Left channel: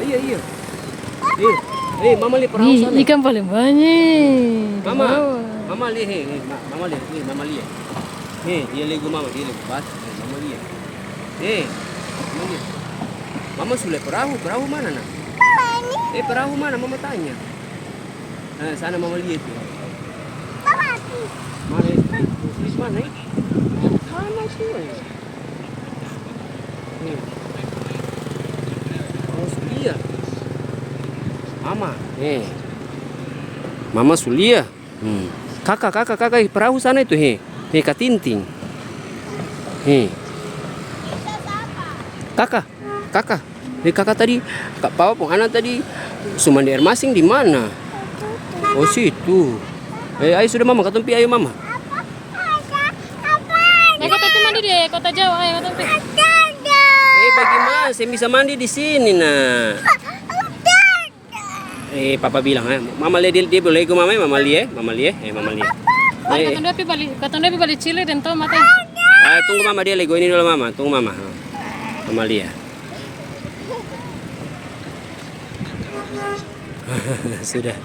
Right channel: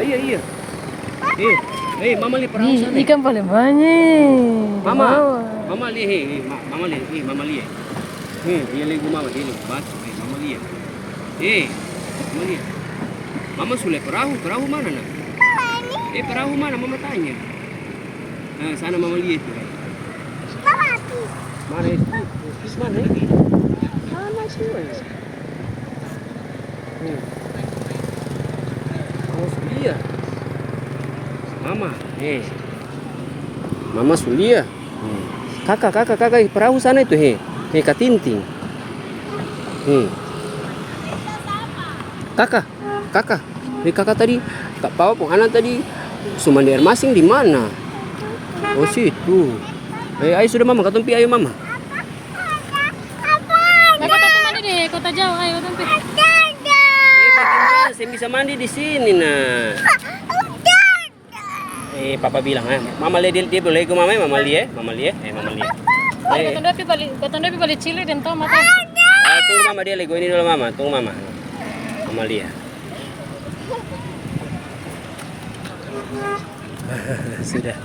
Iya, iya. Mama lihat perahu sana. Ikan paling banyak. Mama, mama lihat, mama lihat, mama lihat. Dia lego mama, dia lego batu. Mama lihat. Mama lihat. Mama sudah perahu mana nak? Perahu mana? Mama tanya. Nah, sana mama lihat. Mana itu? Mana ini? Mana semua? Oh, Sulia. Mama. Mama Sulia. Kakak perahu sana itu Kak Tinting. Kakak. Kakak tadi Kak Pao anak tadi Sumanda Air Masing di mana? Oh situ. Ayo sudah mama, ketempi ayo mama. Kita mandi deh, kota Jawa ayo ketempi. Bagaimana saya bisa mandi di sini nah? Papa bilang, mama lihat dia boleh ke mama lihat, mama lihat. Katanya balik Chile dan tahu mata. Tunggu mama dia lego ini dulu mama, tunggu mama. Mama lihat. Sudah.